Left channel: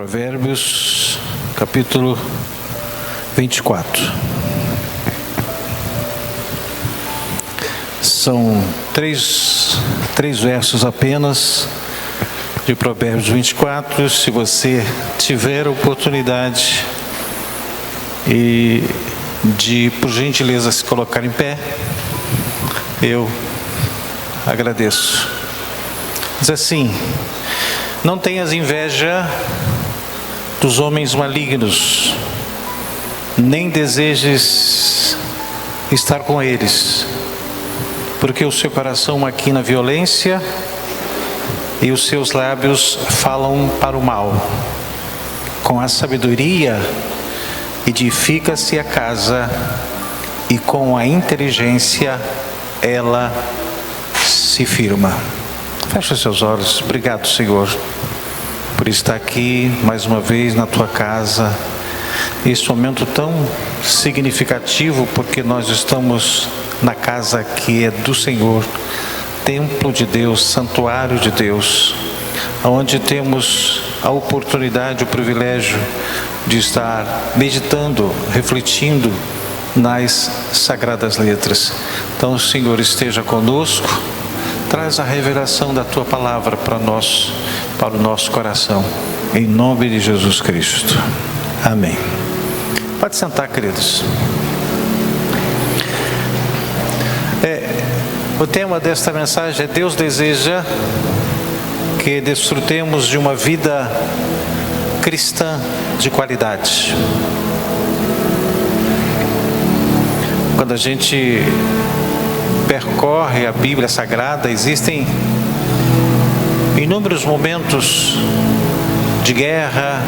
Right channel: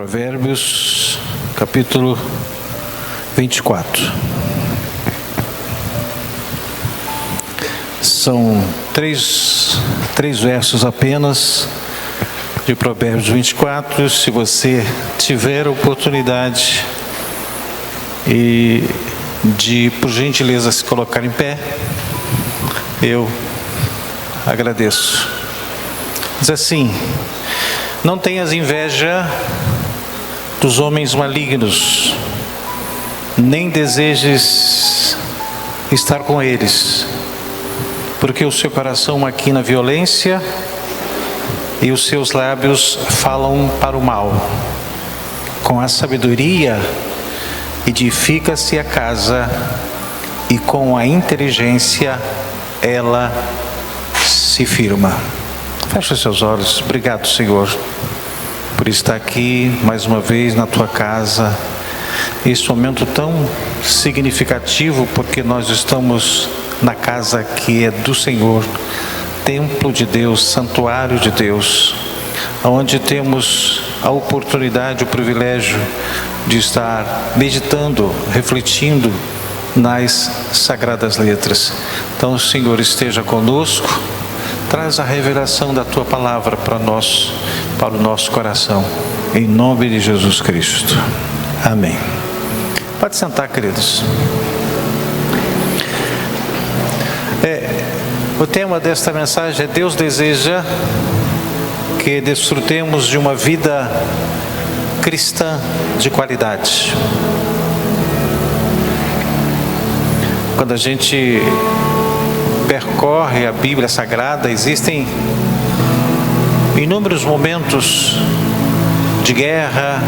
Provérbios, capítulo 24. São três versos apenas de Provérbios 24. Se você tiver a oportunidade de, por gentileza, se colocar em pé, eu agradeço. Diz assim: não tenhas inveja dos homens malignos, nem desejes estar com eles, porque o seu coração maquina violência e os seus lábios falam para o mal. Com a sabedoria edifica-se a casa, e com a inteligência ela se firma. Feche os seus olhos. Obrigado, Senhor, por estar aqui mais uma vez na tua casa. Esse momento tão significativo, porque nós estamos na casa que é do Senhor, templo de Deus, santuário de Deus, onde temos a oportunidade, o privilégio de estar meditando, refletindo nas sagradas letras. Então, o Senhor esteja conosco, traz a revelação da tua palavra para nós, para o nosso coração, em nome de Jesus Cristo. Amém. Pode sentar, queridos. O tema desta mensagem é: Deus deseja que desfrutemos de uma vida cristã de qualidade. Quando a gente percorre a Bíblia Sagrada, existem inúmeros momentos de guerra,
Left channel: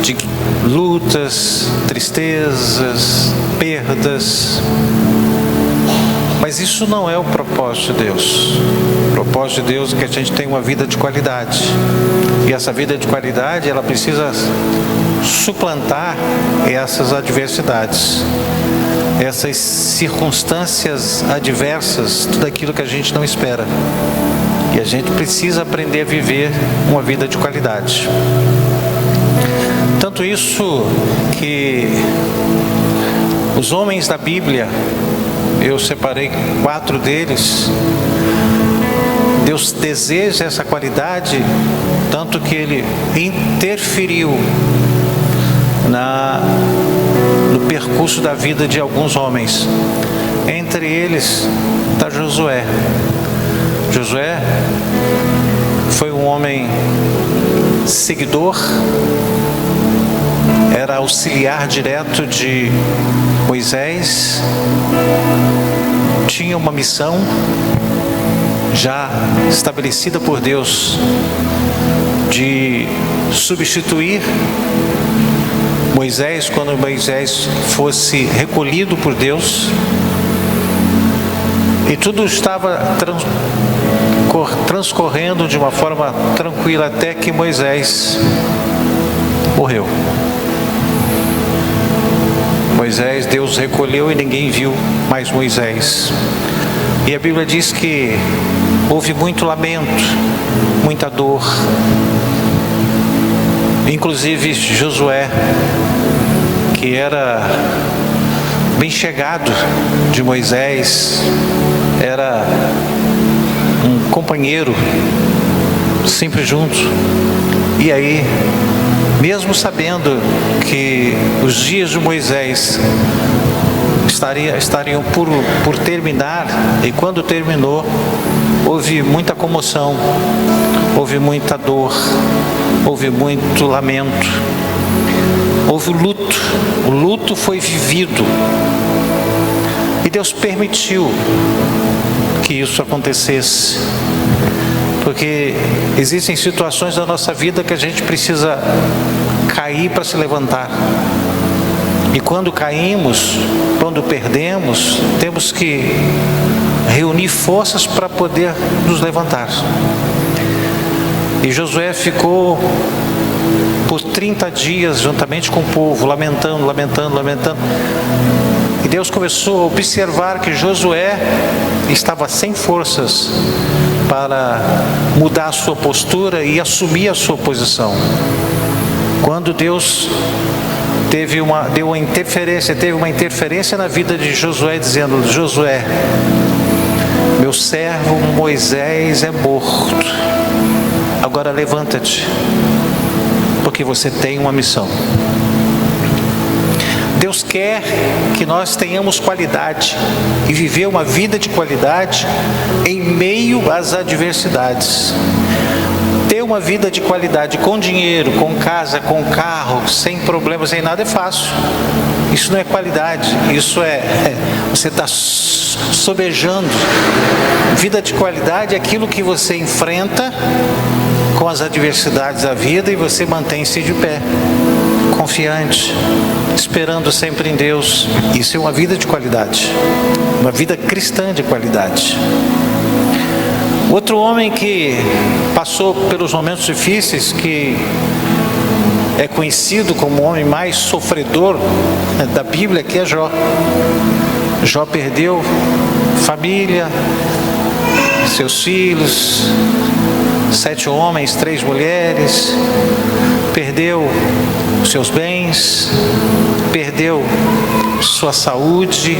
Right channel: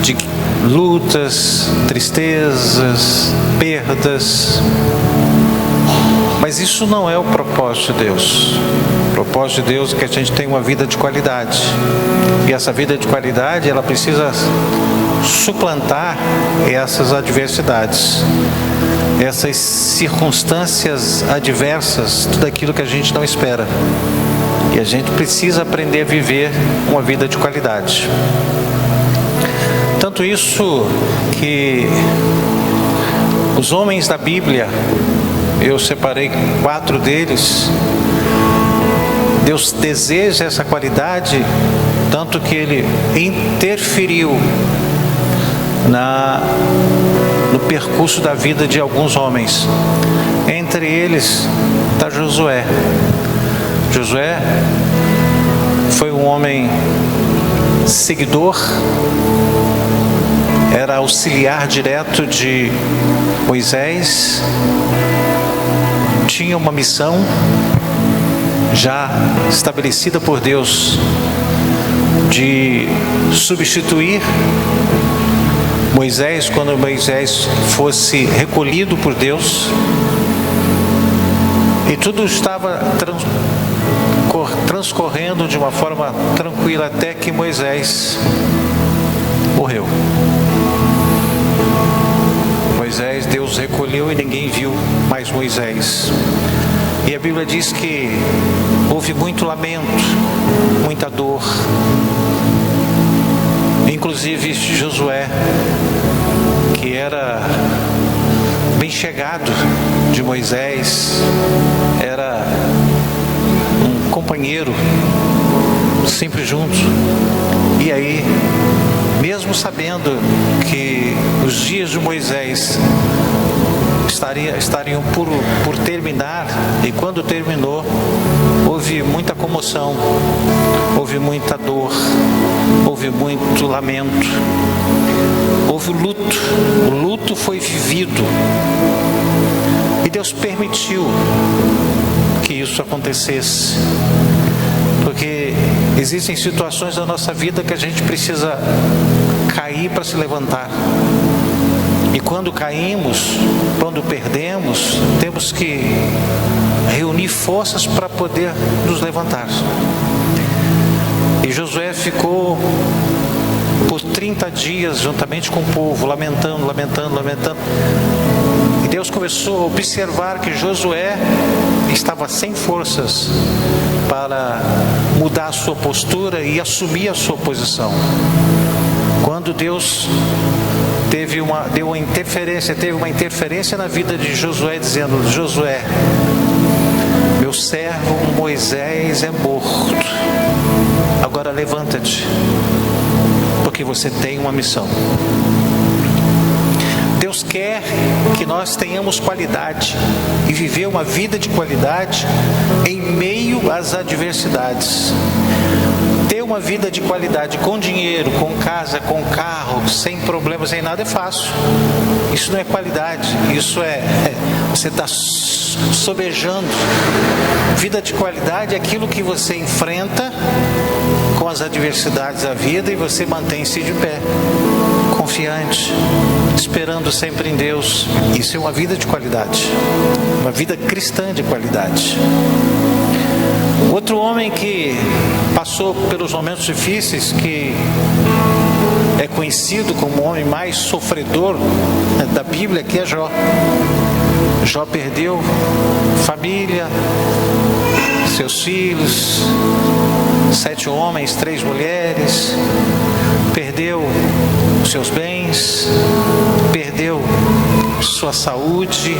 de lutas, tristezas, perdas. Mas isso não é o propósito de Deus. O propósito de Deus é que a gente tenha uma vida de qualidade. E essa vida de qualidade, ela precisa suplantar essas adversidades, essas circunstâncias adversas, tudo aquilo que a gente não espera. E a gente precisa aprender a viver uma vida de qualidade. Tanto isso que os homens da Bíblia, eu separei 4 deles, Deus deseja essa qualidade, tanto que Ele interferiu no percurso da vida de alguns homens. Entre eles está Josué. Josué foi um homem seguidor, era auxiliar direto de Moisés, tinha uma missão já estabelecida por Deus de substituir Moisés quando Moisés fosse recolhido por Deus. E tudo estava transcorrendo de uma forma tranquila até que Moisés morreu. Moisés, Deus recolheu e ninguém viu mais Moisés. E a Bíblia diz que houve muito lamento, muita dor. Inclusive Josué, que era bem chegado de Moisés, era um companheiro, sempre junto. E aí, mesmo sabendo que os dias de Moisés estariam por terminar, e quando terminou, houve muita comoção, houve muita dor, houve muito lamento, houve o luto. O luto foi vivido, e Deus permitiu que isso acontecesse, porque existem situações da nossa vida que a gente precisa cair para se levantar. E quando caímos, quando perdemos, temos que reunir forças para poder nos levantar. E Josué ficou por 30 dias juntamente com o povo, lamentando. E Deus começou a observar que Josué estava sem forças para mudar a sua postura e assumir a sua posição. Quando Deus teve uma interferência na vida de Josué, dizendo: Josué, meu servo Moisés é morto, agora levanta-te, porque você tem uma missão. Deus quer que nós tenhamos qualidade e viver uma vida de qualidade em meio às adversidades. Ter uma vida de qualidade com dinheiro, com casa, com carro, sem problemas, sem nada é fácil. Isso não é qualidade, isso você está sobejando. Vida de qualidade é aquilo que você enfrenta com as adversidades da vida e você mantém-se de pé, confiante, esperando sempre em Deus. Isso é uma vida de qualidade, uma vida cristã de qualidade. Outro homem que passou pelos momentos difíceis, que é conhecido como o homem mais sofredor da Bíblia, que é Jó. Jó perdeu família, seus filhos, 7 homens, 3 mulheres, perdeu seus bens, perdeu sua saúde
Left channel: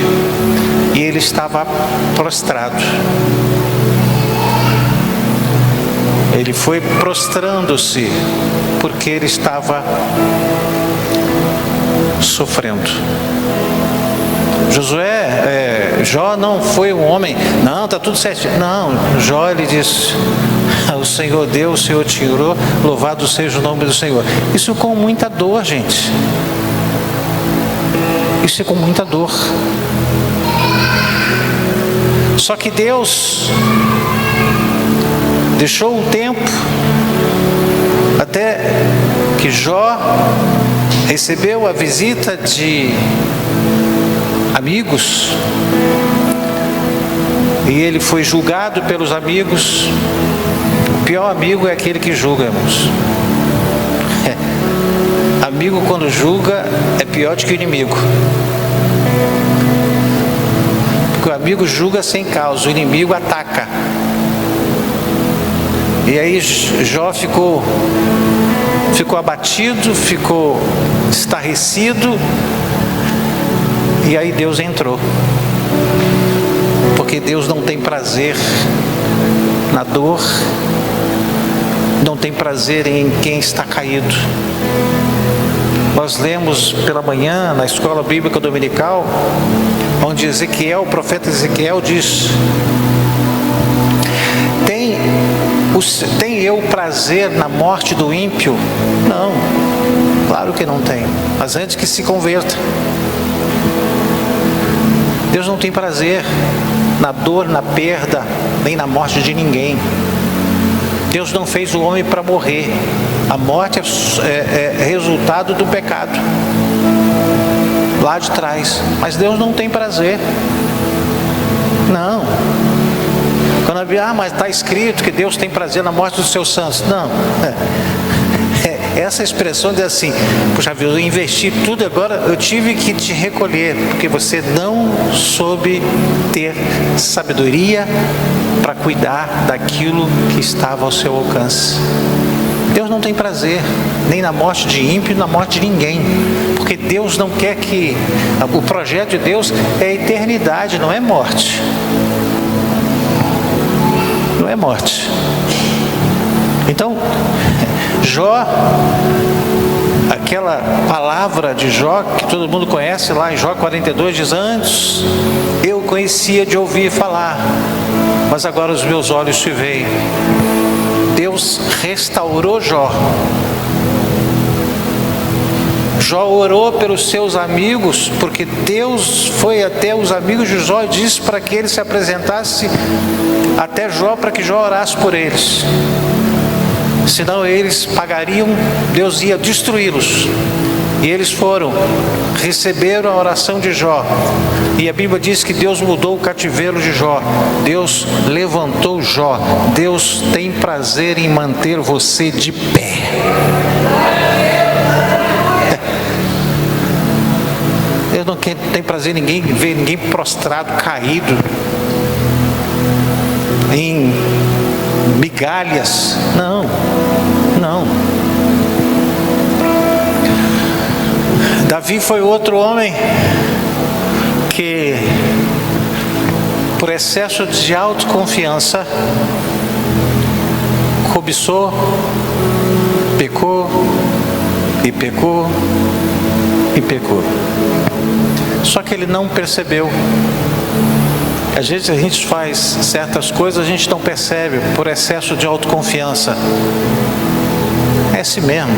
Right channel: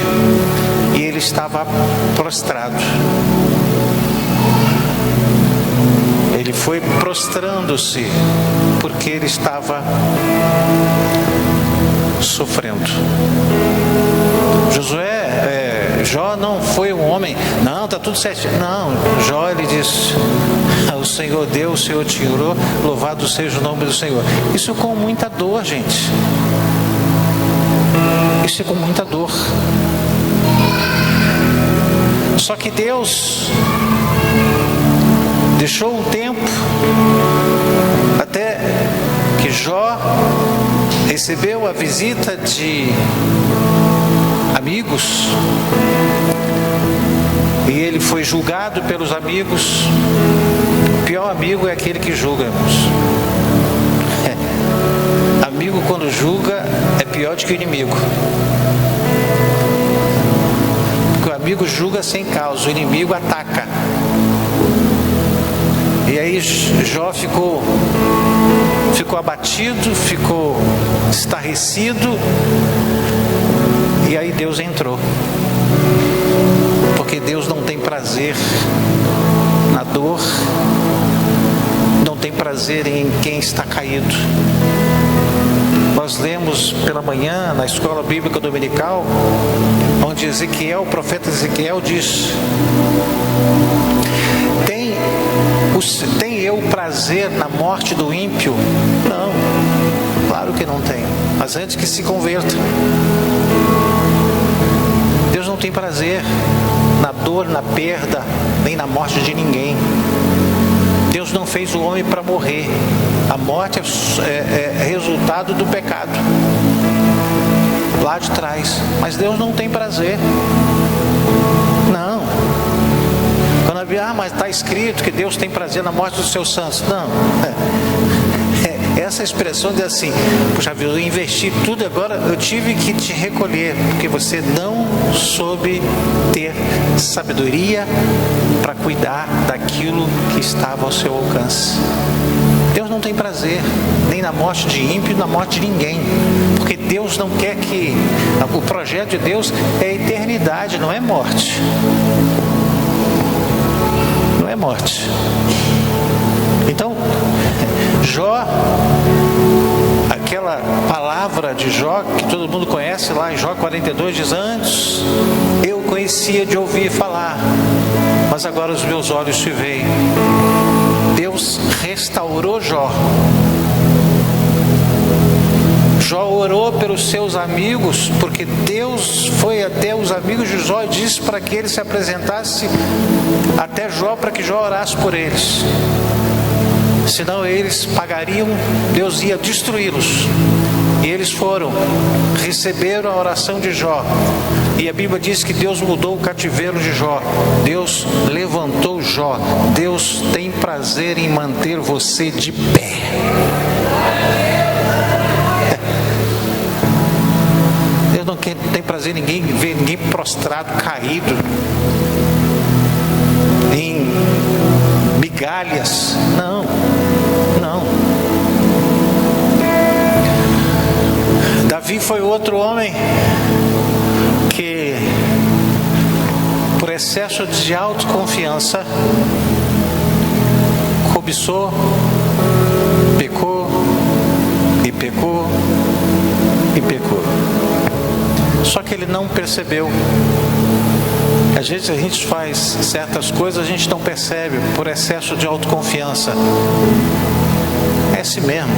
e ele estava prostrado. Ele foi prostrando-se porque ele estava sofrendo. Jó não foi um homem, não, está tudo certo. Não, Jó, ele disse: o Senhor deu, o Senhor tirou, louvado seja o nome do Senhor. Isso com muita dor, gente. Isso é com muita dor. Só que Deus deixou um tempo até que Jó recebeu a visita de amigos e ele foi julgado pelos amigos. O pior amigo é aquele que julga, irmãos. Amigo, quando julga, é pior do que o inimigo. Porque o amigo julga sem causa, o inimigo ataca. E aí Jó ficou abatido, ficou estarrecido. E aí Deus entrou. Porque Deus não tem prazer na dor, não tem prazer em quem está caído. Nós lemos pela manhã na escola bíblica dominical, onde Ezequiel, o profeta Ezequiel diz: tem eu prazer na morte do ímpio? Não, claro que não tem, mas antes que se converta. Deus não tem prazer na dor, na perda, nem na morte de ninguém. Deus não fez o homem para morrer. A morte é resultado do pecado lá de trás, mas Deus não tem prazer. Não. Quando mas está escrito que Deus tem prazer na morte dos seus santos. Não. Essa expressão diz assim: puxa vida, eu investi tudo, agora eu tive que te recolher, porque você não soube ter sabedoria para cuidar daquilo que estava ao seu alcance. Deus não tem prazer nem na morte de ímpio, na morte de ninguém, porque Deus não quer que... O projeto de Deus é eternidade, não é morte. Não é morte. Então, Jó, aquela palavra de Jó que todo mundo conhece lá em Jó 42, diz: antes eu conhecia de ouvir falar, mas agora os meus olhos te veem. Deus restaurou Jó. Jó orou pelos seus amigos, porque Deus foi até os amigos de Jó e disse para que ele se apresentasse até Jó, para que Jó orasse por eles. Senão eles pagariam, Deus ia destruí-los. E eles foram, receberam a oração de Jó. E a Bíblia diz que Deus mudou o cativeiro de Jó. Deus levantou Jó. Deus tem prazer em manter você de pé. Deus não tem prazer em ver ninguém prostrado, caído, em migalhas. Não, não. Davi foi outro homem que, por excesso de autoconfiança, cobiçou, pecou e pecou e pecou. Só que ele não percebeu. Às vezes a gente faz certas coisas, a gente não percebe, por excesso de autoconfiança. É assim mesmo.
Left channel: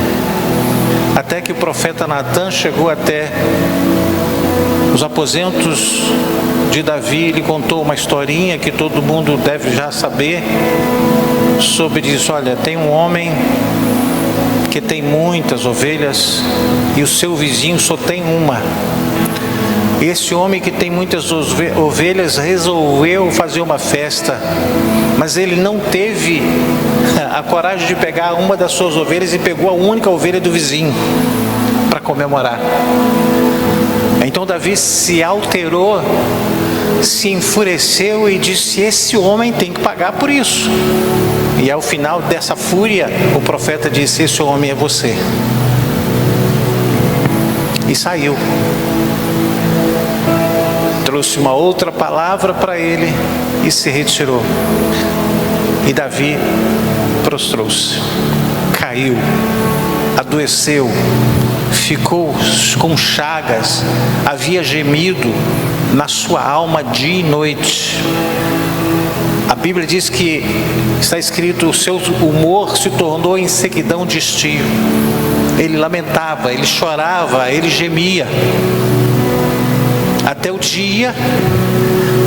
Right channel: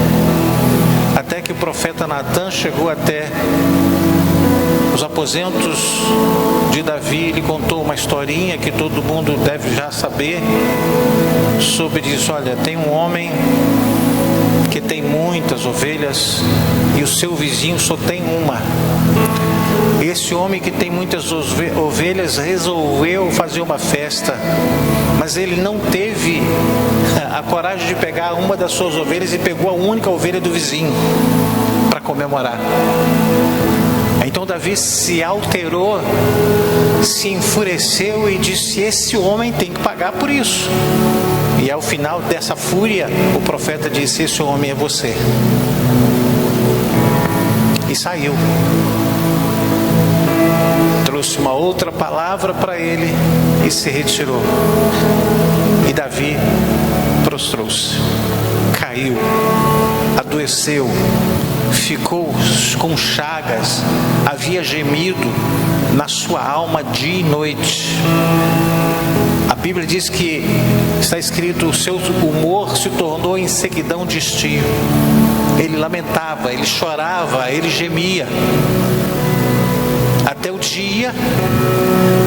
Até que o profeta Natan chegou até os aposentos de Davi, ele contou uma historinha que todo mundo deve já saber sobre isso. Olha, tem um homem que tem muitas ovelhas e o seu vizinho só tem uma. Esse homem que tem muitas ovelhas resolveu fazer uma festa, mas ele não teve a coragem de pegar uma das suas ovelhas e pegou a única ovelha do vizinho para comemorar. Então Davi se alterou, se enfureceu e disse: esse homem tem que pagar por isso. E ao final dessa fúria, o profeta disse: esse homem é você. E saiu. Trouxe uma outra palavra para ele e se retirou. E Davi prostrou-se, caiu, adoeceu, ficou com chagas, havia gemido na sua alma dia e noite. A Bíblia diz que está escrito: o seu humor se tornou em sequidão de estio. Ele lamentava, ele chorava, ele gemia. Até o dia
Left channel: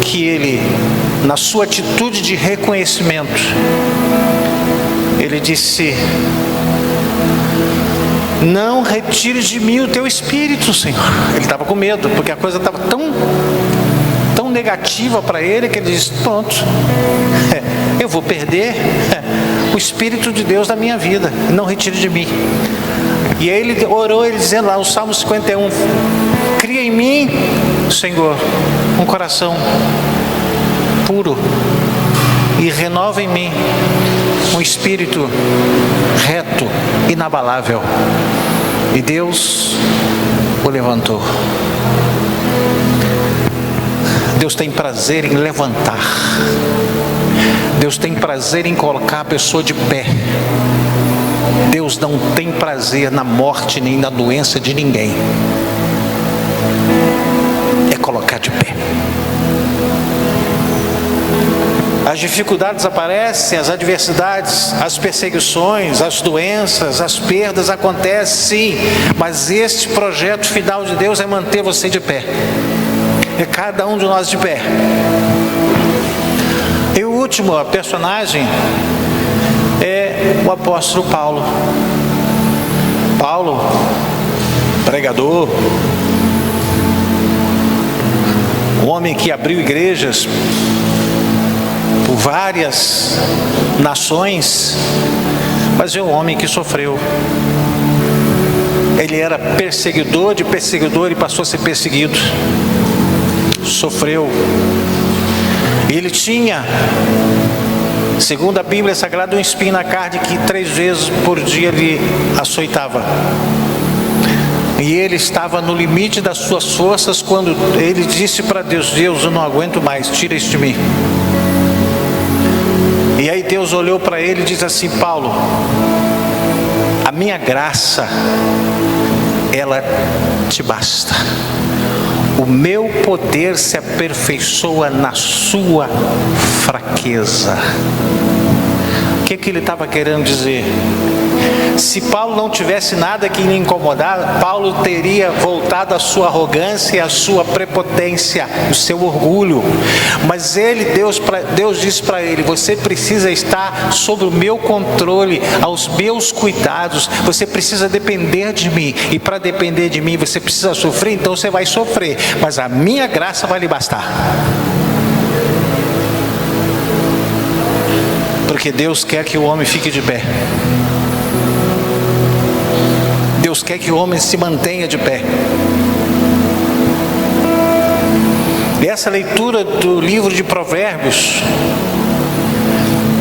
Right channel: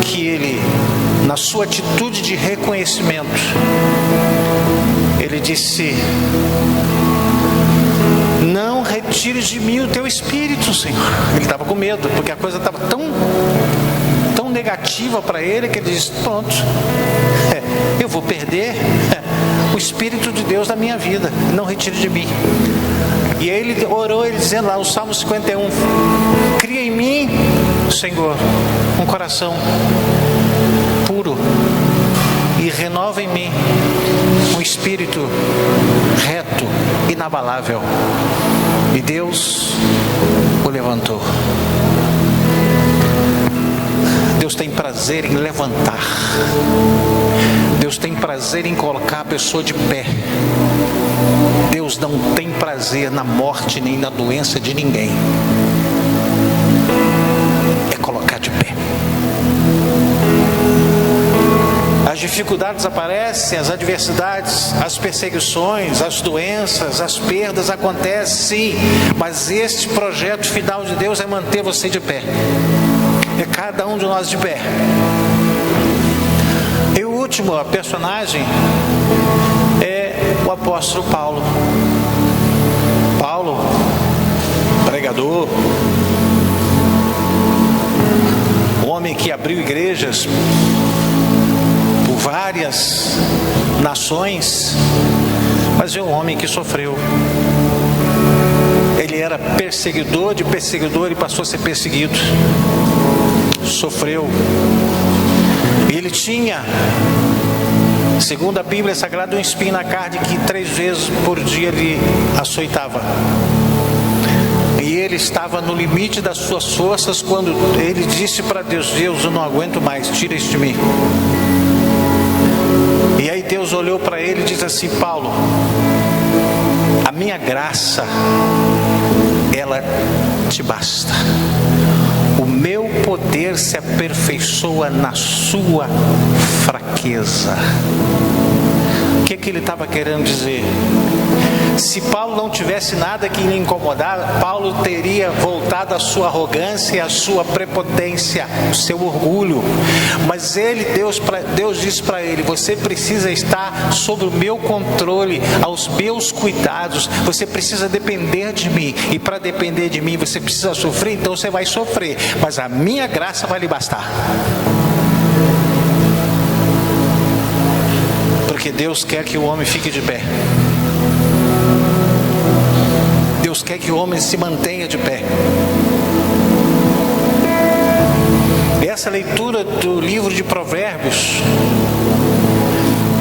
que ele, na sua atitude de reconhecimento, ele disse: não retire de mim o teu espírito, Senhor. Ele estava com medo, porque a coisa estava tão negativa para ele, que ele disse: pronto, eu vou perder o Espírito de Deus da minha vida, não retire de mim. E aí ele orou, ele dizendo lá no Salmo 51, cria em mim, Senhor, um coração puro e renova em mim um espírito reto, inabalável. E Deus o levantou. Deus tem prazer em levantar. Deus tem prazer em colocar a pessoa de pé. Deus não tem prazer na morte nem na doença de ninguém. É colocar de pé. As dificuldades aparecem, as adversidades, as perseguições, as doenças, as perdas acontecem, sim, mas este projeto final de Deus é manter você de pé. É cada um de nós de pé. E o último personagem é o apóstolo Paulo. Paulo, pregador, um homem que abriu igrejas por várias nações, mas é um homem que sofreu. Ele era perseguidor de perseguidor e passou a ser perseguido. Sofreu. E ele tinha, segundo a Bíblia Sagrada, um espinho na carne que 3 vezes por dia lhe açoitava. E ele estava no limite das suas forças quando ele disse para Deus: Deus, eu não aguento mais, tira isso de mim. E aí Deus olhou para ele e disse assim: Paulo, a minha graça, ela te basta. O meu poder se aperfeiçoa na sua fraqueza. O que ele estava querendo dizer? Se Paulo não tivesse nada que lhe incomodar, Paulo teria voltado à sua arrogância e à sua prepotência, o seu orgulho. Mas Deus disse para ele: você precisa estar sob o meu controle, aos meus cuidados, você precisa depender de mim. E para depender de mim você precisa sofrer, então você vai sofrer, mas a minha graça vai lhe bastar. Porque Deus quer que o homem fique de pé. Deus quer que o homem se mantenha de pé. E essa leitura do livro de Provérbios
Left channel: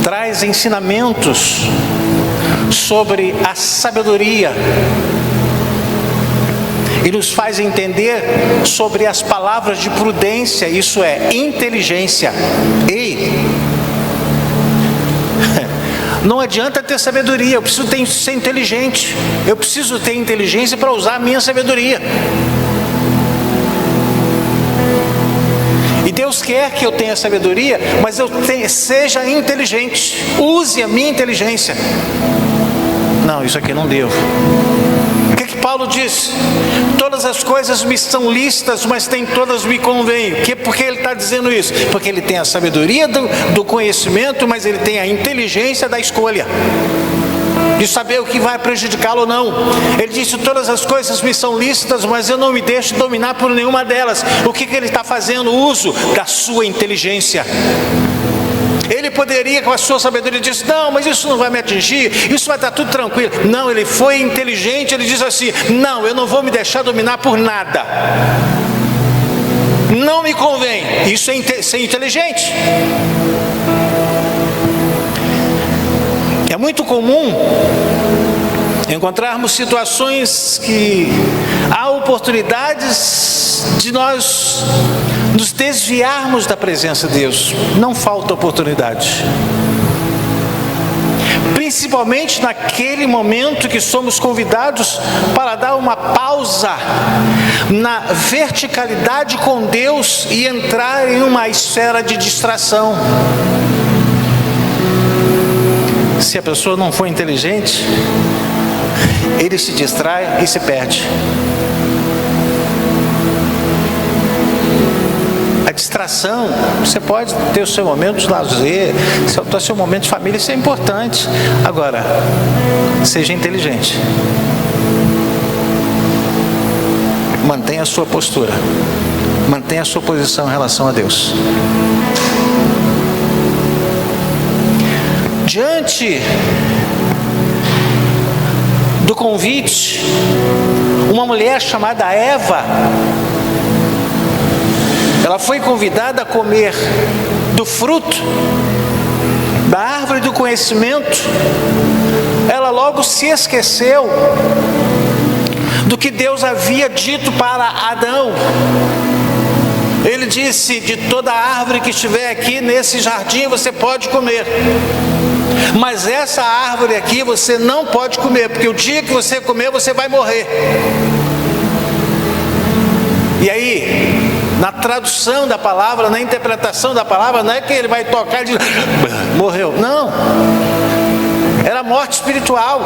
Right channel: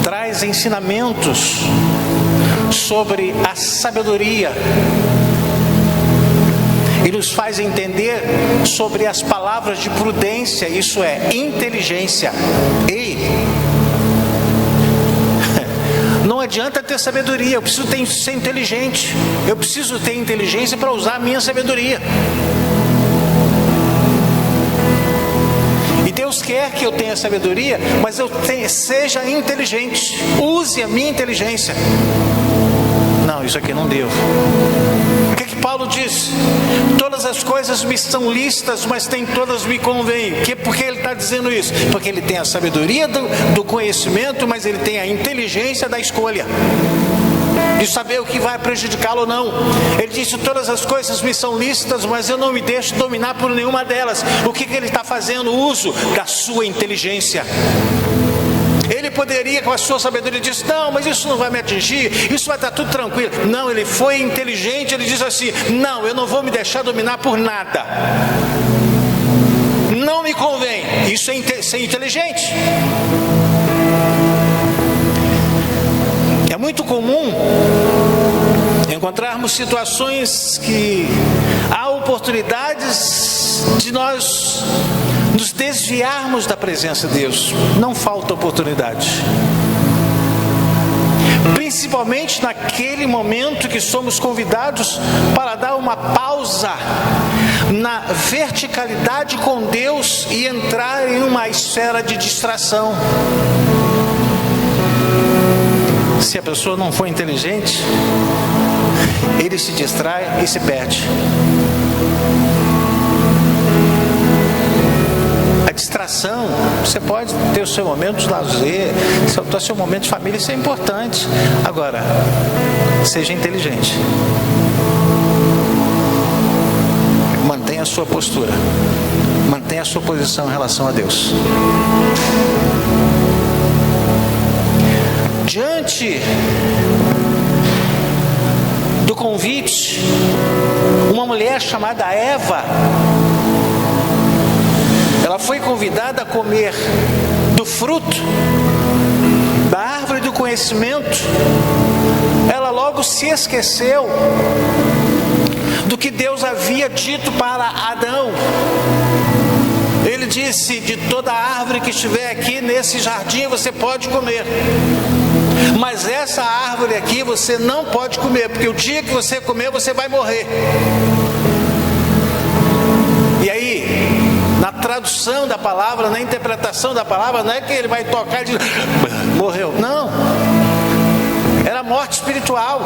traz traz ensinamentos sobre a sabedoria e nos faz entender sobre as palavras de prudência, isso é, inteligência. Ei, não adianta ter sabedoria, eu preciso ser inteligente, eu preciso ter inteligência para usar a minha sabedoria. E Deus quer que eu tenha sabedoria, mas seja inteligente, use a minha inteligência. Não, isso aqui não devo. O que Paulo diz? Todas as coisas me são lícitas, mas nem todas me convêm. Por que ele está dizendo isso? Porque ele tem a sabedoria do conhecimento, mas ele tem a inteligência da escolha, de saber o que vai prejudicá-lo ou não. Ele disse: todas as coisas me são lícitas, mas eu não me deixo dominar por nenhuma delas. O que ele está fazendo? Uso da sua inteligência. Ele poderia, com a sua sabedoria, dizer: não, mas isso não vai me atingir, isso vai estar tudo tranquilo. Não, ele foi inteligente, ele diz assim: não, eu não vou me deixar dominar por nada, não me convém. Isso é ser inteligente. É muito comum encontrarmos situações que há oportunidades de nós nos desviarmos da presença de Deus. Não falta oportunidade, principalmente naquele momento que somos convidados para dar uma pausa na verticalidade com Deus e entrar em uma esfera de distração. Se a pessoa não for inteligente, ele se distrai e se perde. A distração, você pode ter o seu momento de lazer, o seu momento de família, isso é importante. Agora, seja inteligente. Mantenha a sua postura, mantenha a sua posição em relação a Deus. Diante do convite, uma mulher chamada Eva, ela foi convidada a comer do fruto da árvore do conhecimento. Ela logo se esqueceu do que Deus havia dito para Adão. Ele disse: de toda árvore que estiver aqui nesse jardim você pode comer, mas essa árvore aqui você não pode comer, porque o dia que você comer você vai morrer. E aí, na tradução da palavra, na interpretação da palavra, não é que ele vai tocar e dizer: morreu. Não, era morte espiritual.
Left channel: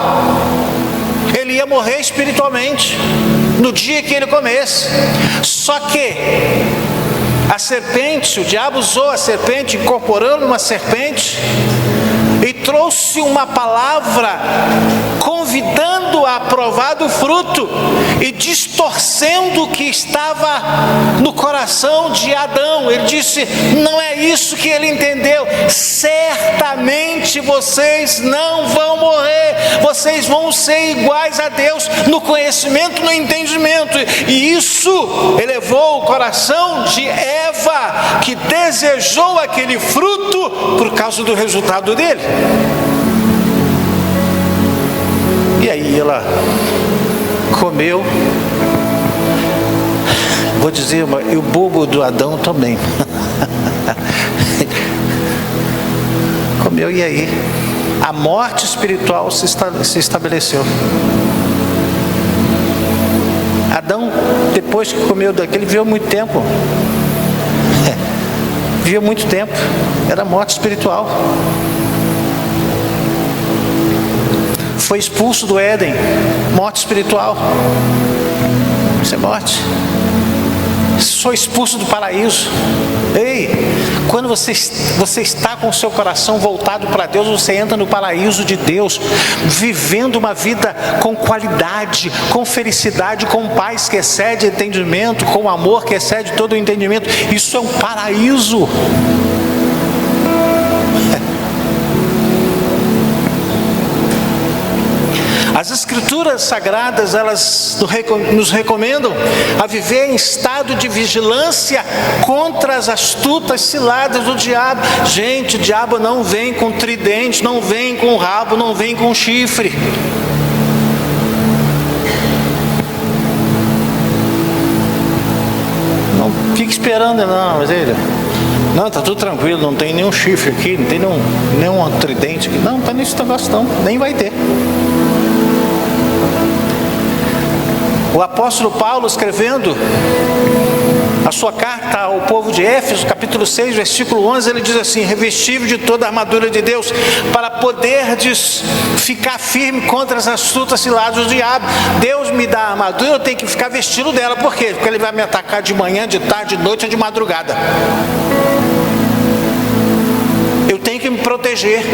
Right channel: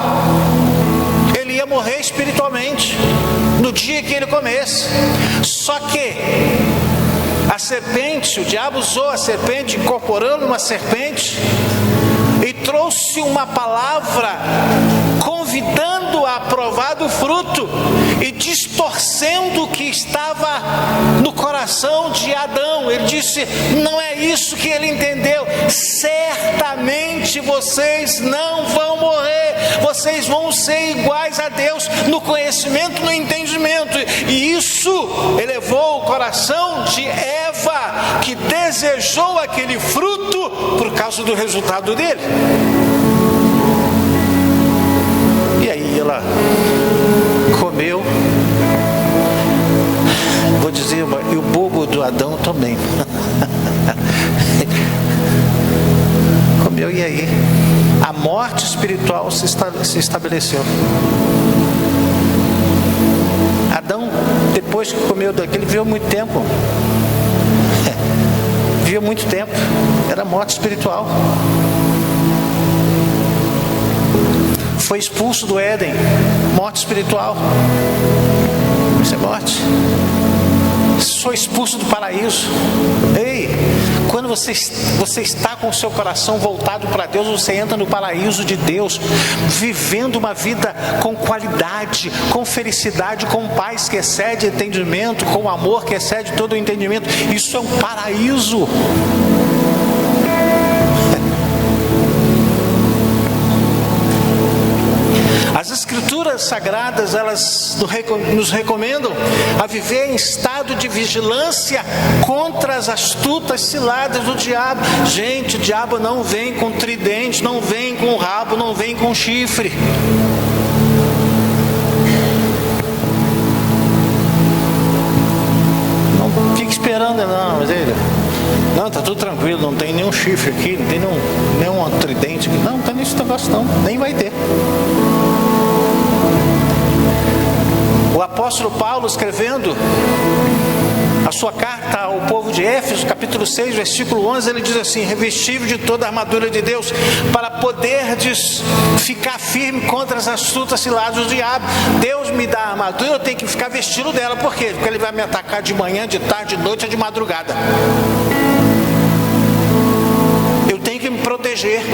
Ele ia morrer espiritualmente no dia que ele comesse. Só que a serpente, o diabo usou a serpente, incorporando uma serpente, e trouxe uma palavra convidando a provar do fruto e distorcendo o que estava no coração de Adão. Ele disse: não é isso que ele entendeu. Certamente vocês não vão morrer, vocês vão ser iguais a Deus no conhecimento, no entendimento. E isso elevou o coração de Eva, que desejou aquele fruto por causa do resultado dele. E aí ela comeu. Vou dizer, e o bobo do Adão também. Comeu, e aí? A morte espiritual se estabeleceu. Adão, depois que comeu daquele, viveu muito tempo. Viveu muito tempo. Era morte espiritual. Foi expulso do Éden, morte espiritual. Isso é morte. Foi expulso do paraíso. Ei, quando você está com o seu coração voltado para Deus, você entra no paraíso de Deus, vivendo uma vida com qualidade, com felicidade, com paz que excede entendimento, com amor que excede todo o entendimento. Isso é um paraíso. As Escrituras Sagradas, elas nos recomendam a viver em estado de vigilância contra as astutas ciladas do diabo. Gente, o diabo não vem com tridente, não vem com rabo, não vem com chifre. Não fique esperando, não, mas ele... Não, está tudo tranquilo, não tem nenhum chifre aqui, não tem nenhum tridente aqui. Não está nesse negócio não, nem vai ter. O apóstolo Paulo, escrevendo a sua carta ao povo de Éfeso, capítulo 6, versículo 11, ele diz assim: revestível de toda a armadura de Deus, para poderdes ficar firme contra as astutas ciladas do diabo. Deus me dá a armadura, eu tenho que ficar vestido dela. Por quê? Porque ele vai me atacar de manhã, de tarde, de noite ou de madrugada. Eu tenho que me proteger.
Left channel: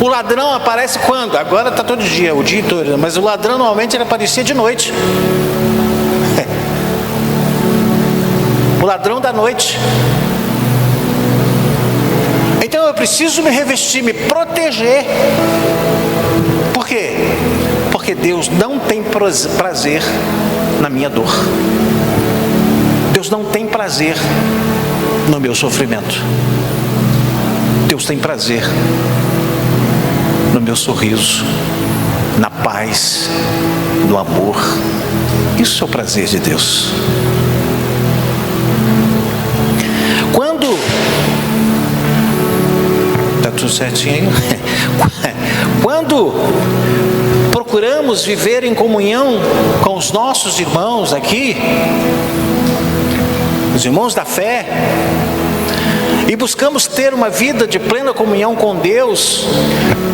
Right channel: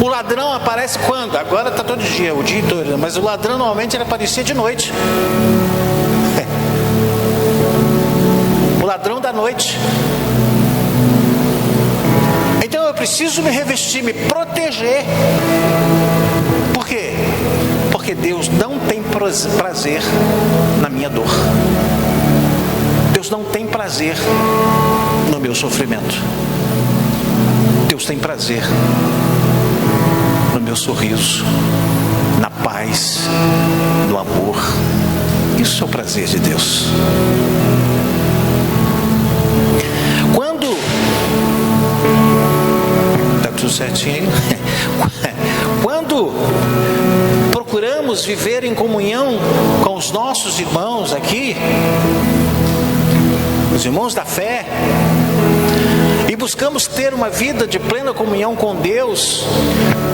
O ladrão aparece quando? Agora está todo dia, o dia todo. Mas o ladrão normalmente ele aparecia de noite. O ladrão da noite. Então eu preciso me revestir, me proteger. Por quê? Porque Deus não tem prazer na minha dor. Deus não tem prazer no meu sofrimento. Deus tem prazer no meu sorriso, na paz, no amor. Isso é o prazer de Deus. Está tudo certinho aí? Quando procuramos viver em comunhão com os nossos irmãos aqui, os irmãos da fé, e buscamos ter uma vida de plena comunhão com Deus,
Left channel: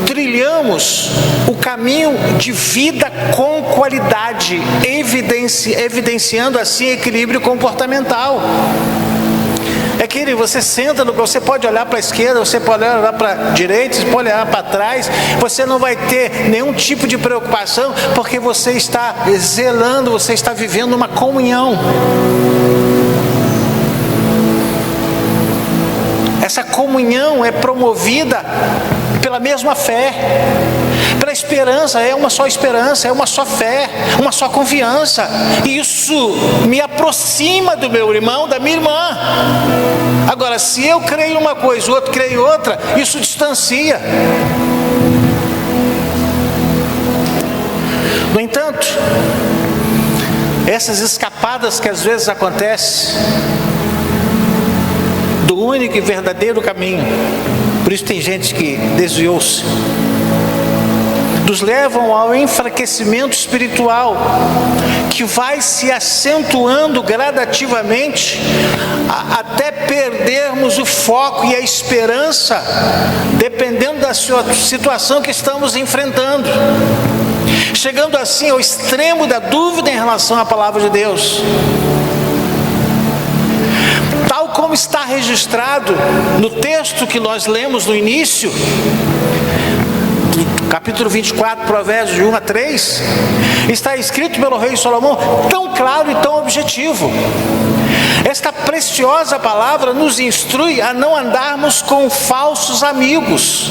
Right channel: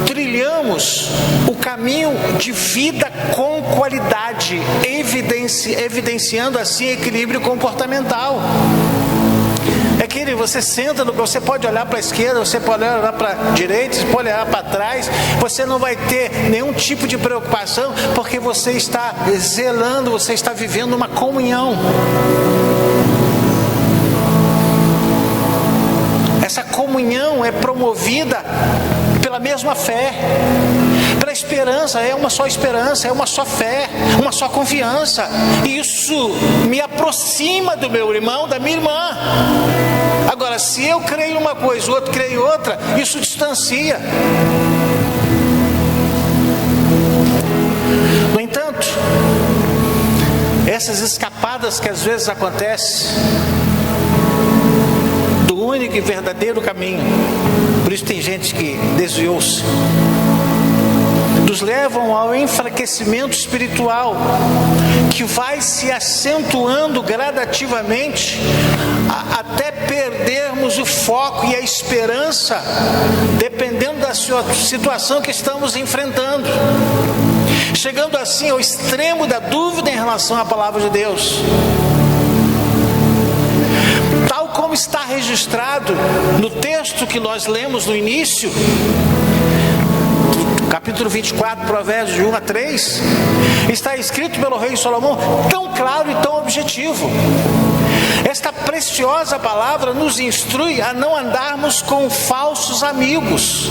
trilhamos o caminho de vida com qualidade, evidenciando assim equilíbrio comportamental. É que você senta, você pode olhar para a esquerda, você pode olhar para a direita, você pode olhar para trás, você não vai ter nenhum tipo de preocupação, porque você está zelando, você está vivendo uma comunhão. Essa comunhão é promovida pela mesma fé, pela esperança, é uma só esperança, é uma só fé, uma só confiança. E isso me aproxima do meu irmão, da minha irmã. Agora, se eu creio em uma coisa, o outro creio em outra, isso distancia. No entanto, essas escapadas que às vezes acontecem do único e verdadeiro caminho, por isso tem gente que desviou-se, nos levam ao enfraquecimento espiritual, que vai se acentuando gradativamente, até perdermos o foco e a esperança, dependendo da situação que estamos enfrentando, chegando assim ao extremo da dúvida em relação à palavra de Deus. Tal como está registrado no texto que nós lemos no início, capítulo 24, provérbios de 1 a 3, está escrito pelo rei Salomão, tão claro e tão objetivo. Esta preciosa palavra nos instrui a não andarmos com falsos amigos.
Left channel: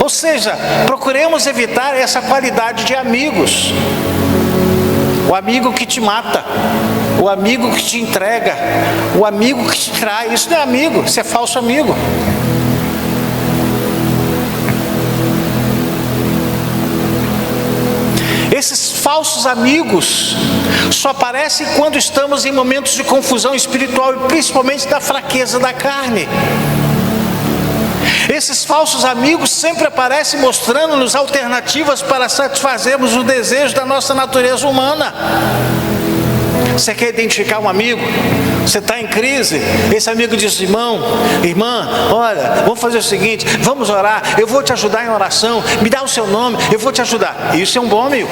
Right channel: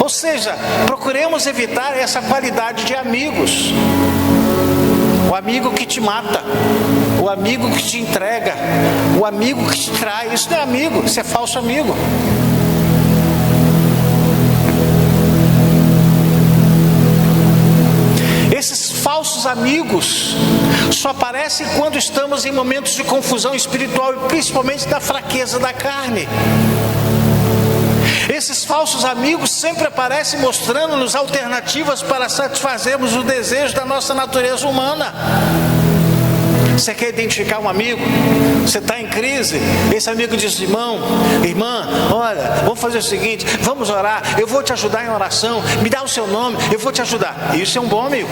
Ou seja, procuremos evitar essa qualidade de amigos. O amigo que te mata, o amigo que te entrega, o amigo que te trai. Isso não é amigo, isso é falso amigo. Esses falsos amigos só aparecem quando estamos em momentos de confusão espiritual e principalmente da fraqueza da carne. Esses falsos amigos sempre aparecem mostrando-nos alternativas para satisfazermos o desejo da nossa natureza humana. Você quer identificar um amigo? Você está em crise? Esse amigo diz: irmão, irmã, olha, vamos fazer o seguinte, vamos orar, eu vou te ajudar em oração, me dá o seu nome, eu vou te ajudar. Isso é um bom amigo.